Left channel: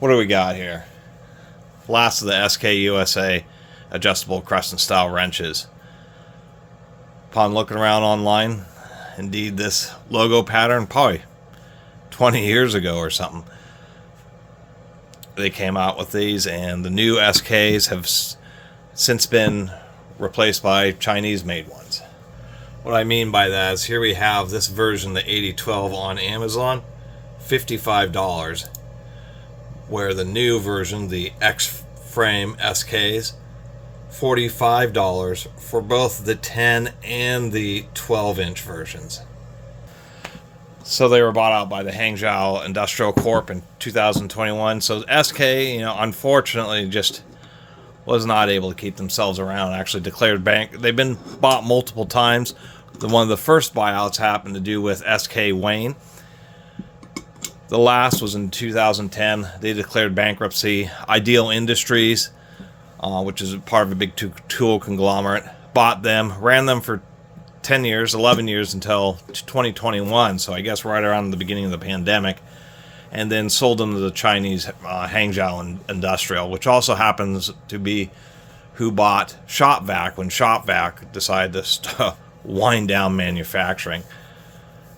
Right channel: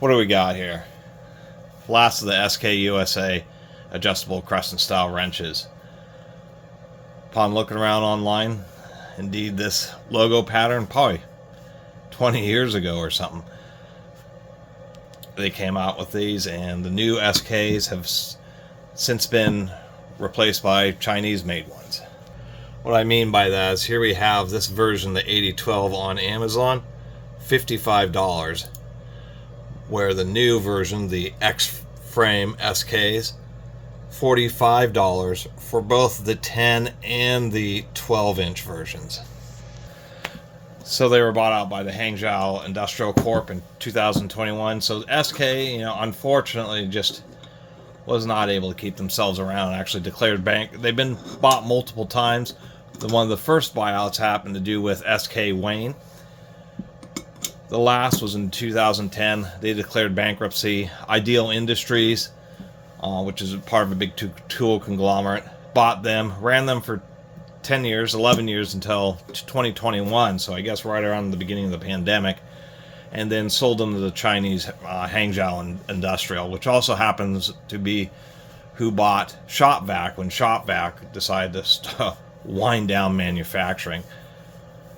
What do we got here? Last of the SK USA adjustable crescent style wrenches. Upon looking around online, indeed this logo pattern, probably 20 years ago or something, they came out with these, and the new SKs have since been replaced by Chinese made ones. What I mean by that is here we have this version, the 8012 on Amazon, $55, where the new version, the X-Frame SKs, $45 for both the 10 and the 12-inch versions. So they were bought out by the Hangzhou Industrial Corp in 2021. So SK, unfortunately just was not able to keep themselves around. Actually declared bank. They've been bought multiple times. One of the first buyouts happened to do with SK Wayne. The last was in 2010. They declared bankruptcy. Ideal Industries, which is part of a big tool conglomerate, bought them, ran them for 10 years, 11 years until 2021, so I guess right around the beginning of the pandemic, and then sold them to the Chinese Hangzhou Industrial, which also happens to be who bought ShopVac when ShopVac decided to wind down manufacturing.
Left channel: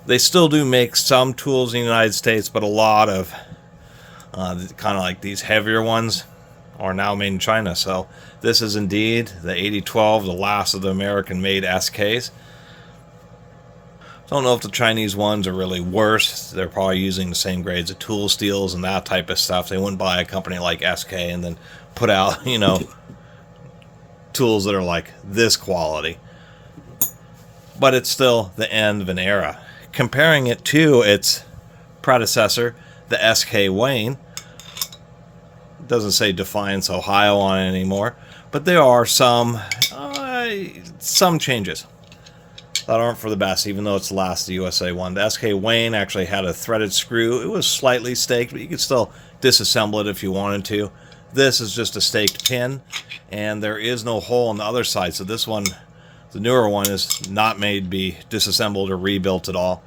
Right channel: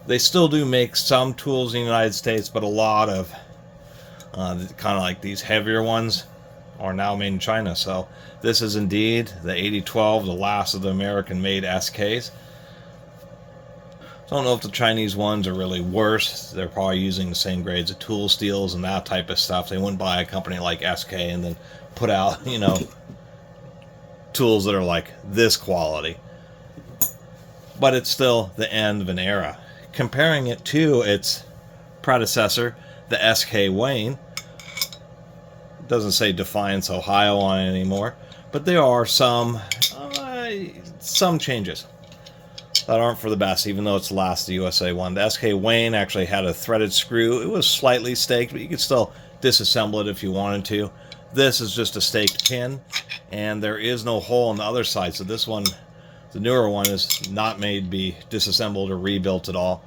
They still do make some tools in the United States, but a lot of kind of like these heavier ones are now made in China. So this is indeed the 8012, the last of the American-made SKs. Don't know if the Chinese ones are really worse. They're probably using the same grades of tool steels and that type of stuff. They wouldn't buy a company like SK and then put out, tools that are like this quality. But it's still the end of an era. Comparing it to its predecessor, the SK Wayne, it doesn't say Defiance, Ohio on it anymore, but there are some changes that aren't for the best, even though it's the last USA one. The SK Wayne actually had a threaded screw. It was slightly staked, but you could still disassemble it if you wanted to. This is just a staked pin, and there is no hole on the other side. So this one, the newer one, is not made to be disassembled or rebuilt at all.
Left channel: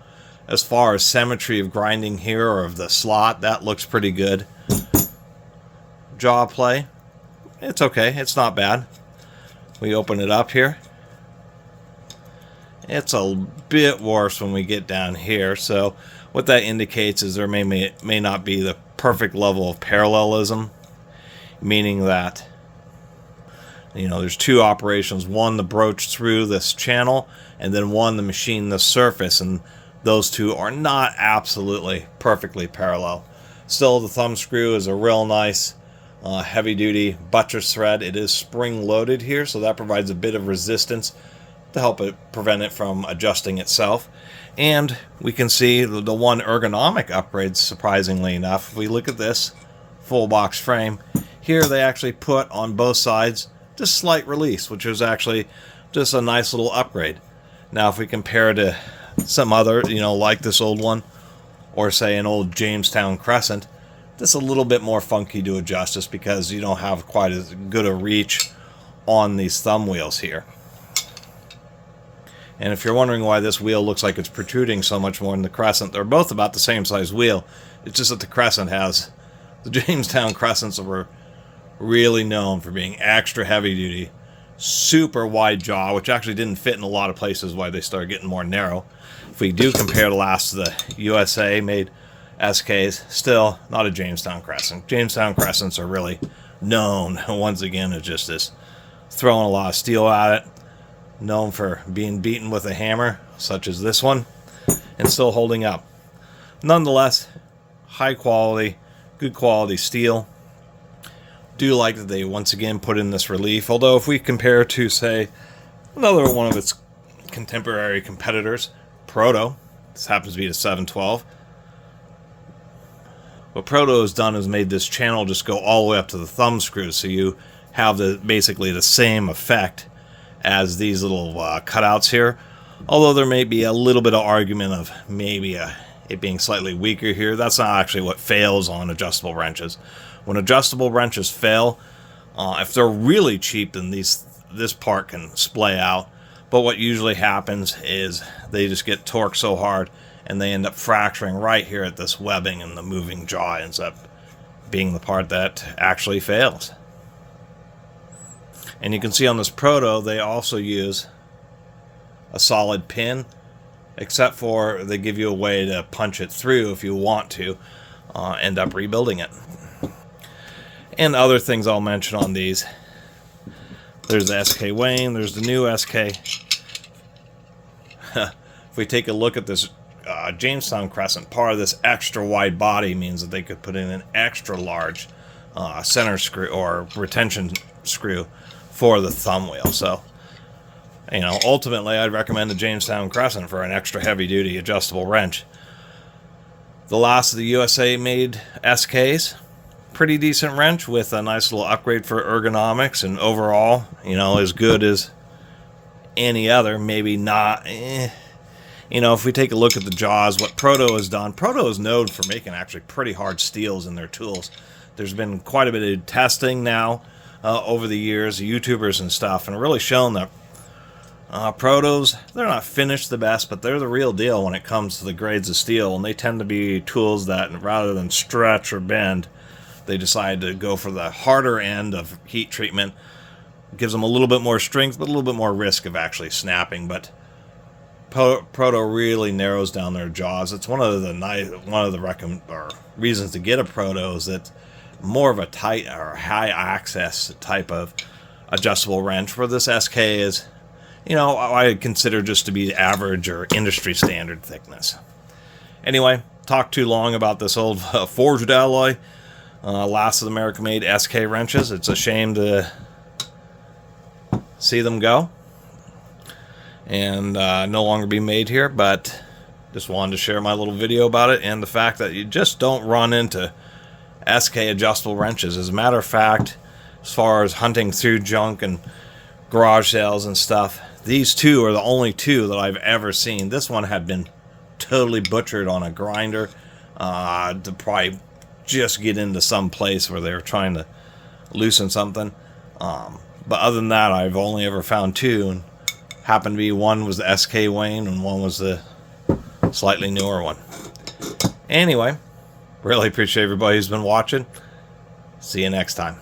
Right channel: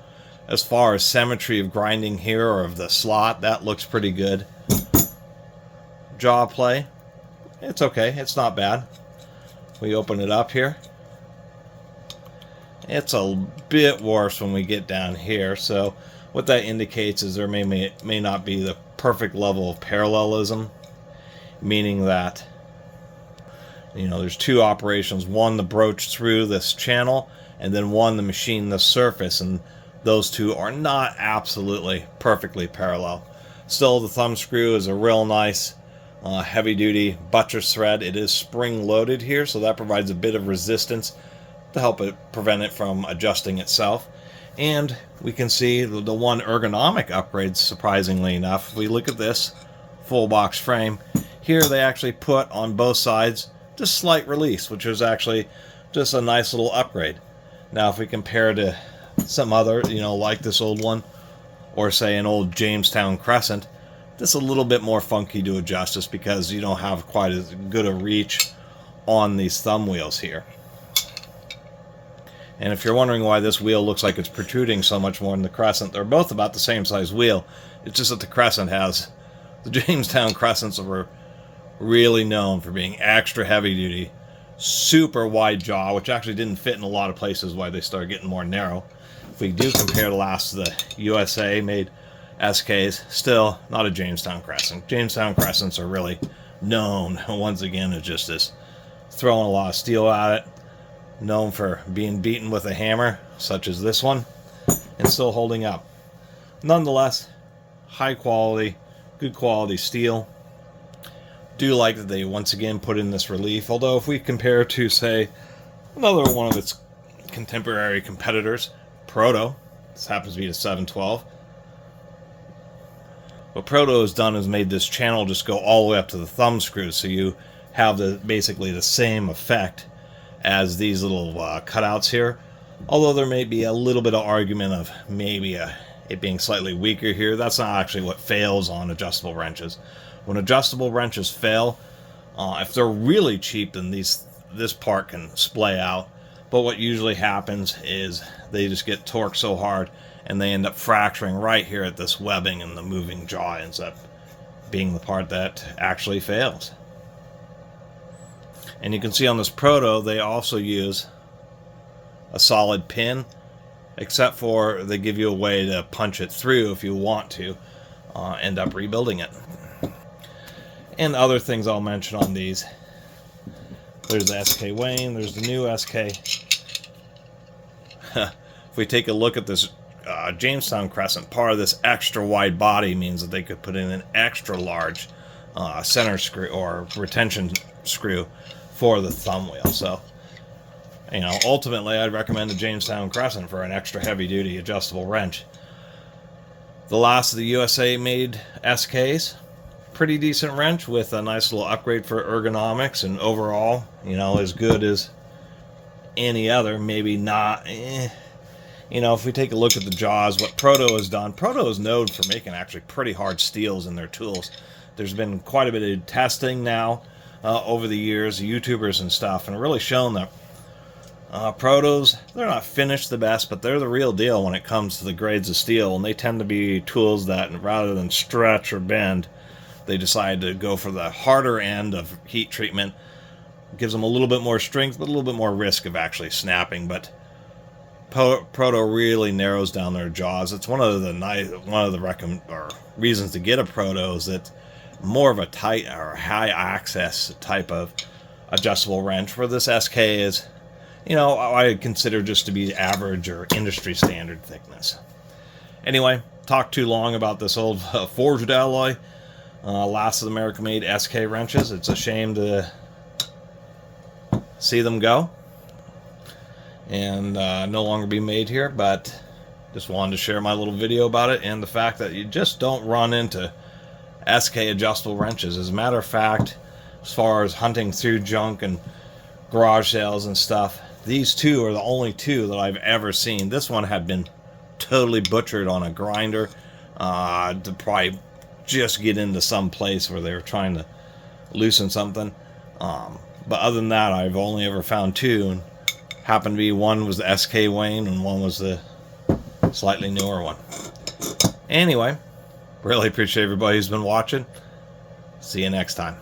As far as symmetry of grinding here, or of the slot, that looks pretty good. Jaw play, it's okay. It's not bad. We open it up here. It's a bit worse when we get down here. So what that indicates is there may not be the perfect level of parallelism, meaning that there's two operations, one to broach through this channel and then one to machine the surface, and those two are not absolutely perfectly parallel. Still, the thumb screw is a real nice heavy duty buttress thread. It is spring loaded here, so that provides a bit of resistance to help it prevent it from adjusting itself. And we can see the one ergonomic upgrade, surprisingly enough. If we look at this full box frame, here they actually put on both sides just slight release, which is actually just a nice little upgrade. Now if we compare it to some other, like this old one, or say an old Jamestown Crescent, just a little bit more funky to adjust, just because you don't have quite as good a reach on these thumb wheels here. And if you're wondering why this wheel looks like it's protruding so much more than the Crescent, they're both about the same size wheel. It's just that the Crescent has, the Jamestown Crescents were really known for being extra heavy duty, super wide jaw, which actually didn't fit in a lot of places, why they started getting more narrow. If we do compare the last of the USA made SKs, still not a Jamestown Crescent. Jamestown Crescents are really known, once again, as just this throwing a lot of steel at it, known for being beaten with a hammer, such as this one, and still holding up. Nonetheless, high quality, good quality steel. Do like that they once again put in this relief, although if we compare to, say, another one of its contemporary competitors, Proto, this happens to be the 712. What Proto has done is made this channel just go all the way up to the thumb screw, so you have basically the same effect as these little cutouts here, although there may be a little bit of argument of maybe it being slightly weaker here. That's not actually what fails on adjustable wrenches. When adjustable wrenches fail, if they're really cheap, then this part can splay out. But what usually happens is they just get torqued so hard and they end up fracturing right here at this webbing, and the moving jaw ends up being the part that actually fails. And you can see on this Proto, they also use a solid pin, except for they give you a way to punch it through if you want to end up rebuilding it. And other things I'll mention on these. There's the SK Wayne, there's the new SK. If we take a look at this Jamestown Crescent, part of this extra wide body means that they could put in an extra large center screw or retention screw for the thumb wheel. So, you know, ultimately I'd recommend the Jamestown Crescent for an extra heavy duty adjustable wrench. The last of the USA made SKs, pretty decent wrench with a nice little upgrade for ergonomics, and overall, you know, as good as any other, maybe not. You know, if we take a look at the jaws, what Proto has done, Proto is known for making actually pretty hard steels in their tools. There's been quite a bit of testing now over the years, YouTubers and stuff, and really shown that Protos, they're not finished the best, but they're the real deal when it comes to the grades of steel, and they tend to be tools that, rather than stretch or bend, they decide to go for the harder end of heat treatment. Gives them a little bit more strength, but a little bit more risk of actually snapping. But Proto really narrows down their jaws. It's one of the reasons to get a Proto is that more of a tight or high access type of adjustable wrench. Where this SK is, you know, I consider just to be average or industry standard thickness. Anyway, talked too long about this old forged alloy. Last of the American-made SK wrenches. It's a shame to see them go and no longer be made here, but just wanted to share my little video about it and the fact that you just don't run into SK adjustable wrenches. As a matter of fact, as far as hunting through junk and garage sales and stuff, these two are the only two that I've ever seen. This one had been totally butchered on a grinder to probably just get into some place where they were trying to loosen something. But other than that, I've only ever found two, and happened to be one was the SK Wayne and one was the slightly newer one. Anyway, really appreciate everybody who's been watching. See you next time.